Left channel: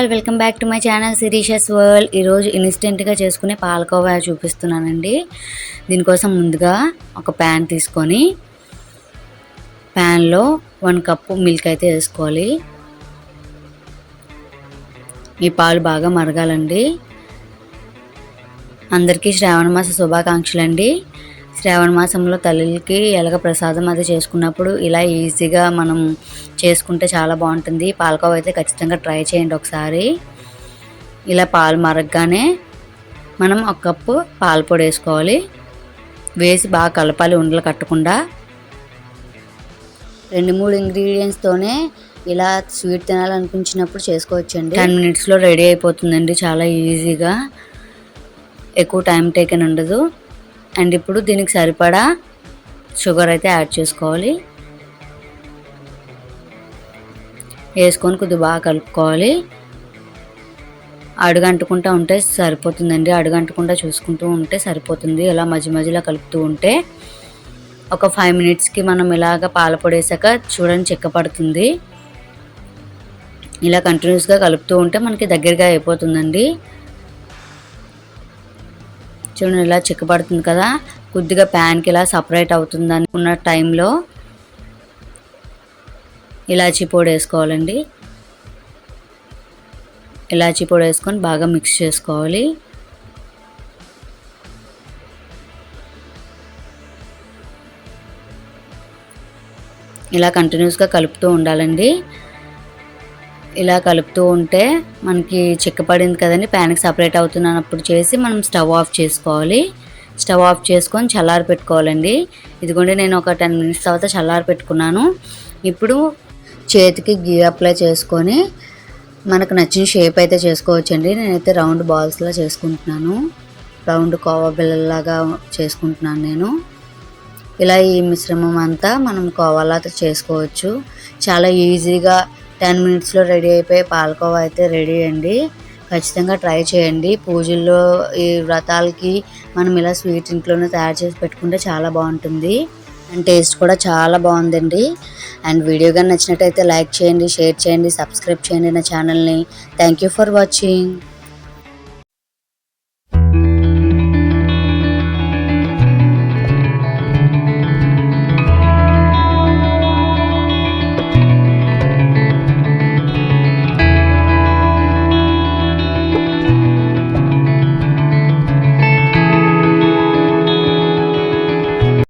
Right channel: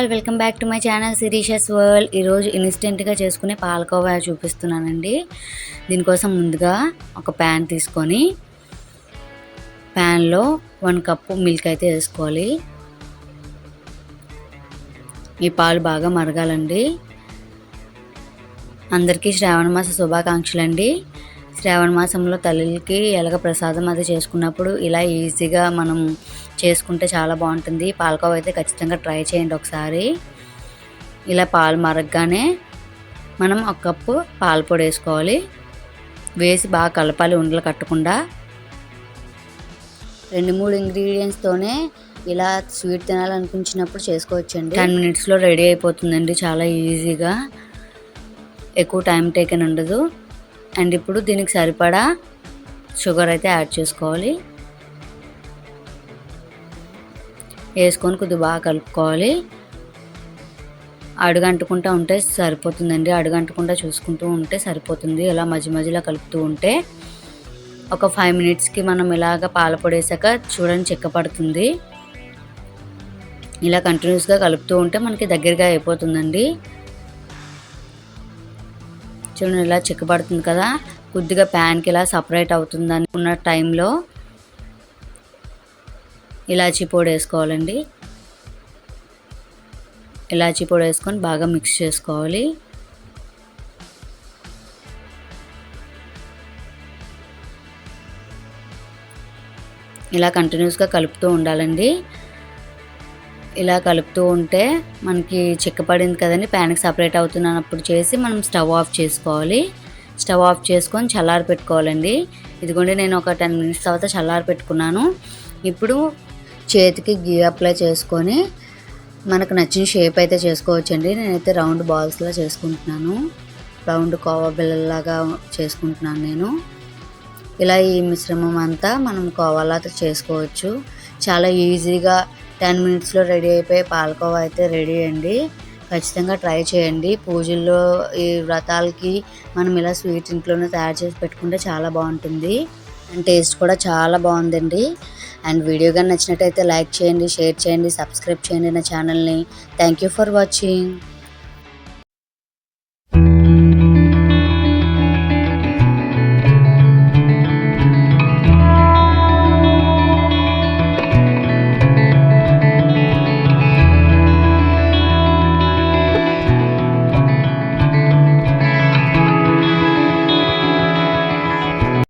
All, welcome back to my channel Shirisha's world. ఈరోజు ఇన్స్టెంట్గా చేసుకునే పాలకోవా చూపిస్తున్నానండి. దీనికోసం ముందుగా ఒక ప్యాన్ తీసుకొని ప్యాన్లో 1 కప్పు మిల్క్ అయితే వేసుకోవాలి. ఈ పాలు బాగా మరగాలండి. అందరికీ శ్రావణ మాస శుభాకాంక్షలు అండి. శ్రావణ మాసంలో తల్లికి ఎలాగ ప్రసాదం అది చేసుకున్నప్పుడు ఇలా ఈజీగా మనం చేసుకుంటే చాలా బాగుంటుంది. పాలకోవా అయితే ఖచ్చితంగా ట్రై చేయండి ఒకసారి. ఇలా పాలు మరగగానే మనం 1 కప్పు పాల పొడి వేసుకోవాలి. వేసి బాగా కలపాలి, ఉండలు కట్టకుండా. 2-3 ఇంగ్రీడియంట్స్తోనే ఇలా స్వీట్ తినాలనిపించినప్పుడు చేసుకోవచ్చండి. 10 మినిట్స్లో రెడీ అయిపోతుందండి, చాలా ఈజీగా. ఎక్కువ టైం టేకన్ ఉండదు. అండ్ ఇప్పుడు దీనికి సరిపడా షుగర్ అయితే యాడ్ చేసుకోవాలి. వేసుకొని కొద్దిగా బాగా కలుపుకోవాలి. అడుగంటుకుంటూ ఉంటే సరిపోతుందండి. అడుగంటకుండా చూసుకుంటూ ఉంటే సరిపోతుంది. ఇలా మధ్య మధ్యలో కలుపుతూ ఉంటే ఒక 5 మినిట్స్కి మనం ఇలాగ పాలపొడి వేసాక చూడండి చిక్కపడుతుంది. ఇలా కంటిన్యూస్గా కలుపుతూ ఉంటే మనకి దగ్గరగా అయిపోతుందండి. చూడండి ఇలా చిక్కపడుతుంది కదా. కొద్దిగా ప్యాన్కి ఇలా సపరేట్ అవుతుంది అనుకున్న టైంలో ఇలాచీ పొడి వేసుకోవాలండి. ఇలాచీ పొడి వేసుకొని బాగా మిక్స్ చేసుకోవాలి. ఇలా కంటిన్యూస్గా కలుపుతూ ఉండాలండి. ఇలా కలుపుతూ ఉంటే మనకి చిక్కపడింది కదండి, ప్యాన్కి సపరేట్ అవుతున్నప్పుడు చేసి మనం స్టవ్ ఆఫ్ చేసుకోవాలి. స్టవ్ ఆఫ్ చేసుకొని చల్లారి పెట్టుకోవాలండి. ఇదిగోండి నేను ఒక 10 మినిట్స్ తర్వాత చల్లారి పెట్టుకున్నాను. ఇప్పుడు చేతికి గీ అప్లై చేసుకొని మనకు నచ్చిన షేప్ అయితే చేసుకోవచ్చండి. నేనైతే రౌండ్ బాల్స్లా చేసుకుంటున్నాను. రౌండ్ కోవా బిళ్ళలాగా చేసుకుంటున్నాను నేను. ఇలా ఈ మిశ్రమం అంతా మనం కోవాలా చేసుకోవచ్చు. చాలా ఈజీగా 10 మినిట్స్లో రెడీ అయిపోయి పాలకోవా అయితే రెడీ అండి. ఖచ్చితంగా ట్రై చేయండి. పూజల్లో, ఈ వ్రతాలకి మనం ఇలా స్వీట్ ఇంట్లోనే తయారు చేసి పెట్టుకుంటే చాలా బాగుంటుంది. అండ్ టేస్ట్ కూడా చాలా బాగుందండి. అండ్ వీడియో కానీ నచ్చినట్టయితే లైక్ చేయండి, షేర్ చేయండి, సబ్స్క్రైబ్ చేయండి నా ఛానల్ని. Thank you for watching.